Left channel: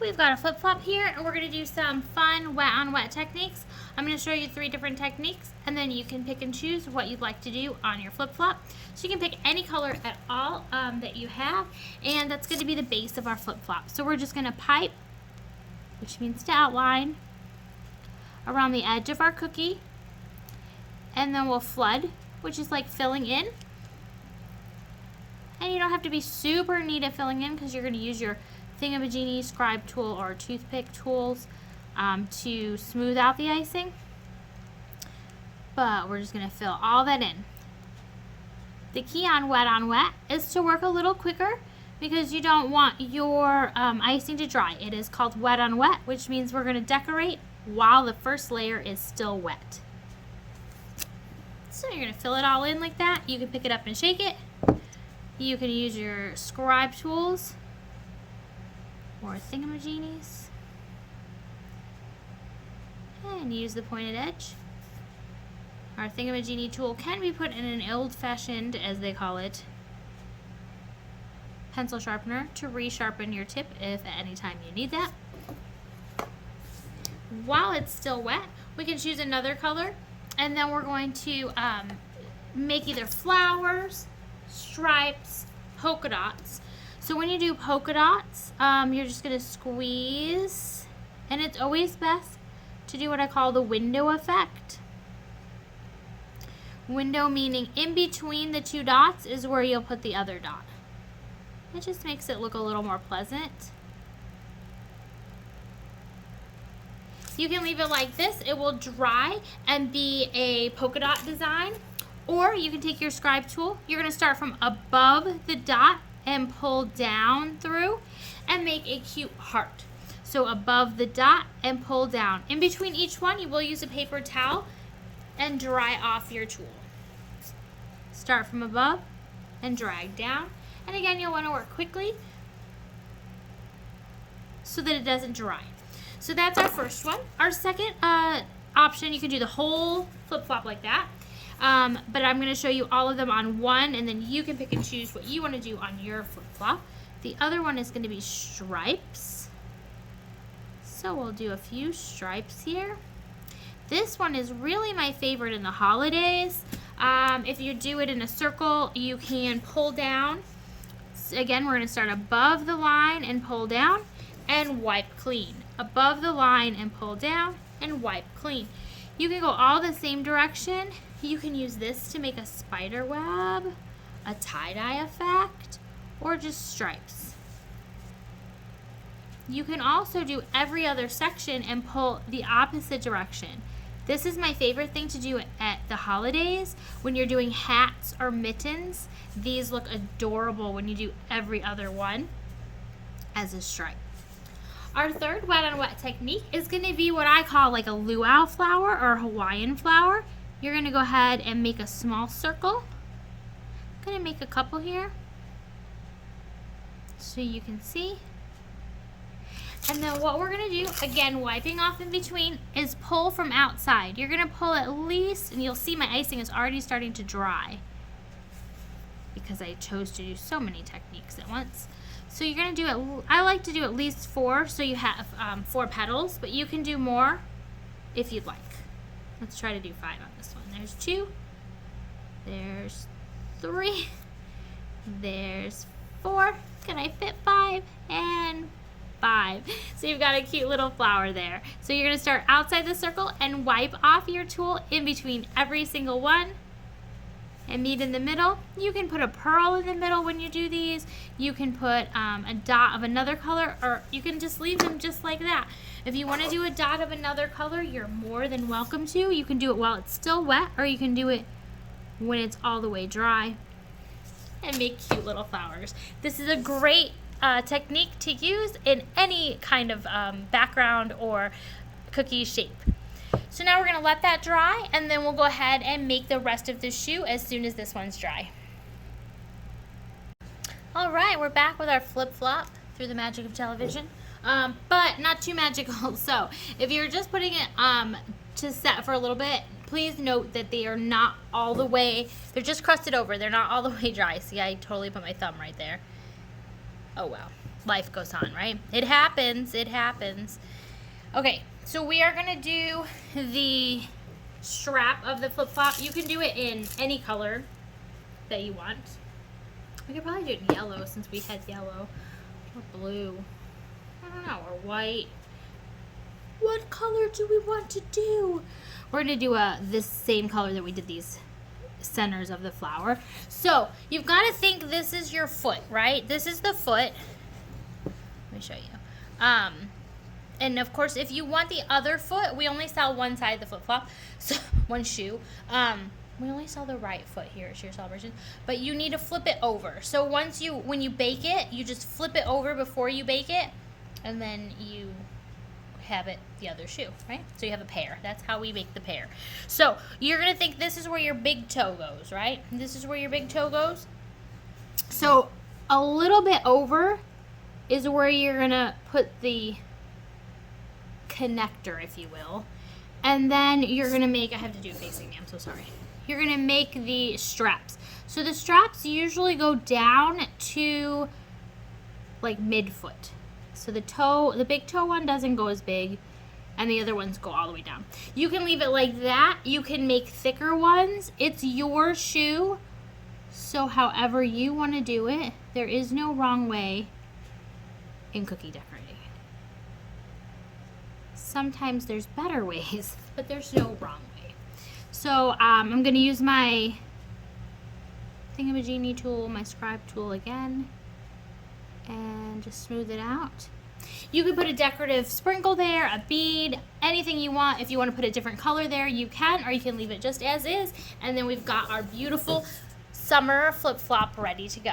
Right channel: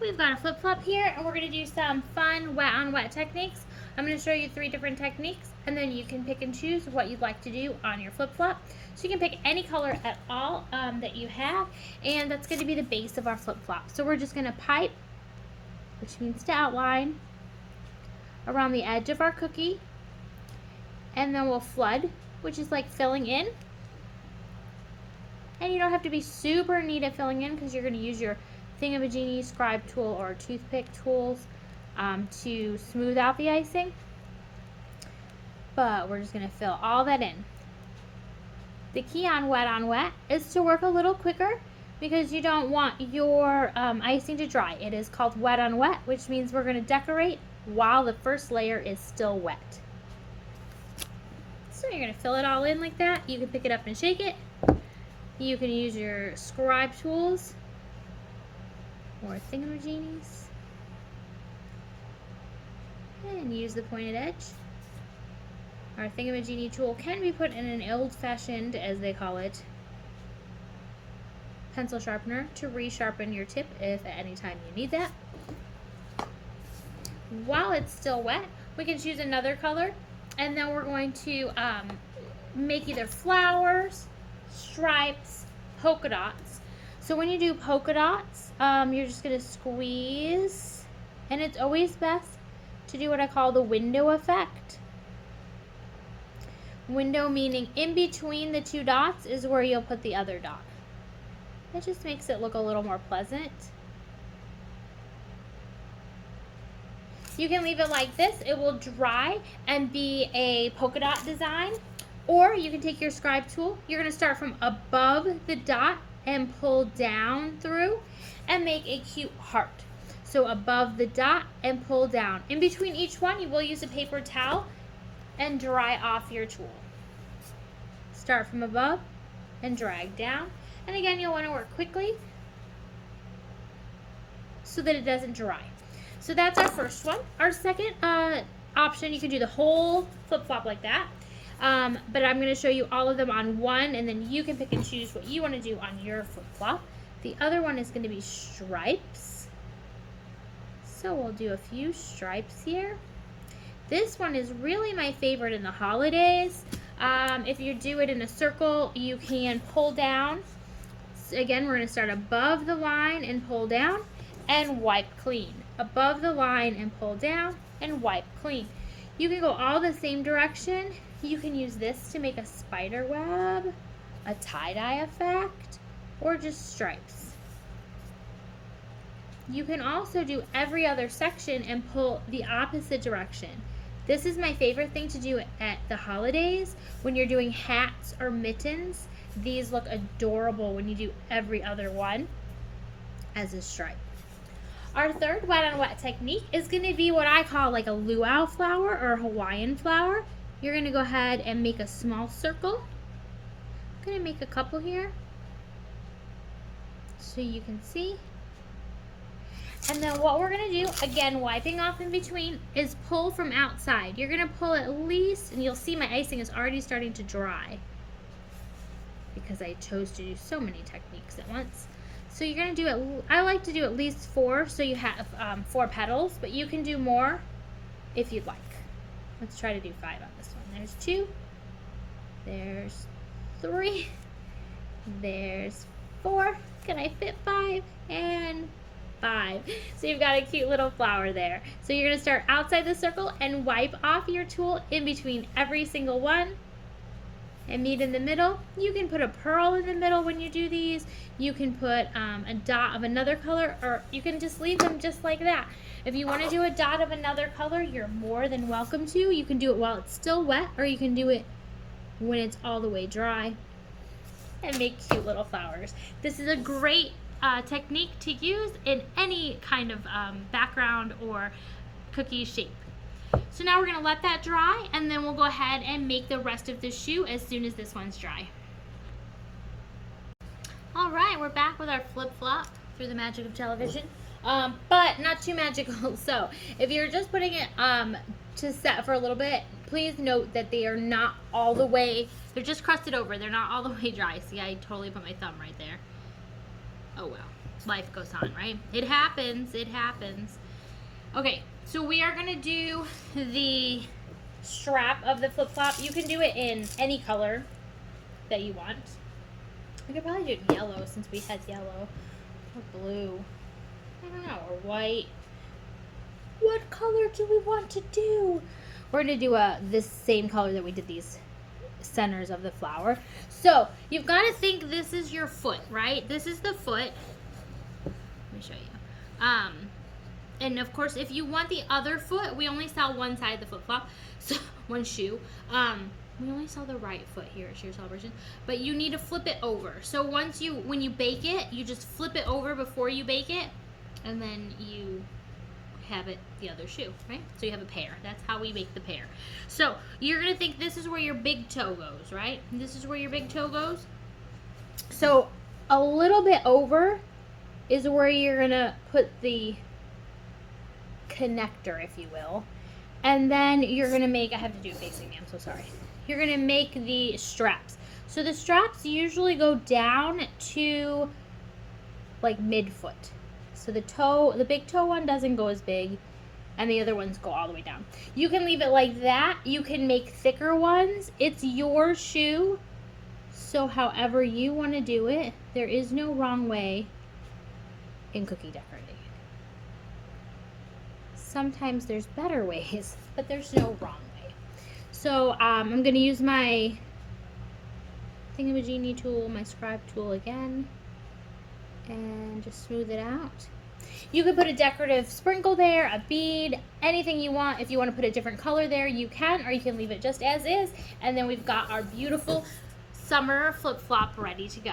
We've got a flip-flop here, and we're going to do some fun wet-on-wet techniques. I'm going to show you 3 different techniques, and then you can pick and choose what you'd like to do on your flip-flop. So you can pick any color at all that you have, and that's going to be the base of our flip-flop. So we're just going to pipe, which means to outline, around the edge of our cookie, and then we'll flood, which is like filling in. And you don't have to be super neat at filling in because you're going to use your thingamajiggy scribe tool or toothpick tools to smooth out the icing. But we're just going to fill all that in. The key on wet is to work a little quicker because you don't want your icing to dry. It is called wet on wet, which means we're going to decorate while the first layer is still wet. So you're going to fill it all in like that. You can pick it up and shake it. You can use your scribe tools or thingamajiggies and use the pointed edge. Our thingamajiggy tool can be put in an old-fashioned, as they call it, pencil sharpener to resharpen your tip if at any time you need that. While it's still wet, we can choose another color, and then we're going to make either flowers, stripes, polka dots. So when you do polka dots, you're just going to squeeze, and it's always best to do what I call the window effect. Window meaning in between the 2 dots is where you'll put the other dot. It just makes it look a little more pleasant. You can leave it like this. It will dry and be a polka dot design. Or you can take your scribe tool. You're going to start from above the dot and pull down through and make a cute heart. So above the dot and pull down. In between each one, you will use a paper towel and dry off your tool. Start from above and drag down. And again, you'll want to work quickly so that it doesn't dry. So that's our first one. Our second option, you can do the whole flip-flop like that. But I'm going to show you all of them on one, and then you can pick and choose what you want to do on your flip-flop. The other one is going to be stripes. So we'll do a few stripes here. This one is really my favorite in the holidays. If you do it in a circle, you can pull down. So again, we're going to start above the line and pull down and wipe clean. Above the line and pull down and wipe clean. You can go all the same direction. You can use this to make a spider web, a tie-dye effect, or just stripes. You can also do every other section and pull the opposite direction. This is my favorite thing to do at the holidays. When you're doing hats or mittens, these look adorable when you do every other one as a stripe. Our third wet on wet technique is going to be what I call like a luau flower or Hawaiian flower. You're going to go ahead and make a small circle. I'm going to make a couple here so you can see. And then what we're going to do, again, wiping off in between, is pull from outside. You're going to pull at least, and you'll see my icing is already starting to dry because I chose to do so many techniques at once. So you're going to do it, I like to do at least 4, so you have 4 petals, but you can do more if you'd like. Let's try to do 5 on this one. There's 2, there's 3, there's 4. Can I fit 5? And 5. So you've got a cute little flower there. So you're going to start outside the circle and wipe off your tool in between every single one and meet in the middle. You can put a pearl in the middle when you do these. You can put a dot of another color, or you can just leave them just like that. If you want to do a dot of another color, you're more than welcome to. You can do it while it's still wet, or you can do it when it's all the way dry and make cute little flowers. This is a great technique to use in any kind of background or cookie shape. So now we're going to let that dry, and then we'll go ahead and make the rest of the shoe as soon as this one's dry. Alright, we're back with our flip-flop through the magic of television, but not too magical. So if you're just putting it to set for a little bit, please note that they are not all the way, they're just crusted over, they're not all the way dry. See, I totally put my thumb right there. Oh well. life goes on, right? It happens, it happens. Okay, so we are gonna do the strap of the flip-flop. You can do it in any color that you want. We could probably do it in yellow since we had yellow. Or blue. I don't know, or white. What color do we want to do? We're gonna do this same color that we did these centers of the flower. So you've got to think this is your foot, right? This is the foot. Let me show you. And of course, if you want the other foot, we only sell one side of the flip-flop, so one shoe. We only sell the right foot here at Sheer Celebration, but you need to flip it over. So when you bake it, you just flip it over before you bake it, and then you have it the other shoe, right? So you have a pair. That's how we make the pair. So you're gonna think this is where your big toe goes, right? This is where your big toe goes. So a little bit over is where you're gonna put the connector, if you will. And then you're gonna make, I have to do it facing me, I'm so sorry. You're gonna make the straps. So the straps usually go down to like mid-foot. So the big toe one doesn't go as big, and the other ones go all the way down. You can leave it like that. You can make thicker ones. It's your shoe, so however you want to do it. There is no wrong way in cookie decorating. Sometimes there's better ways, but there's no wrong way. So I'm going to use my thingamajiggy tool, my scribe tool again, and just smooth it out. You can put a decorative sprinkle there, a bead, anything you want. If you want to put a different color there, you can, or you can leave it just as is. And then we've got our beautiful summer flip-flop ready to go.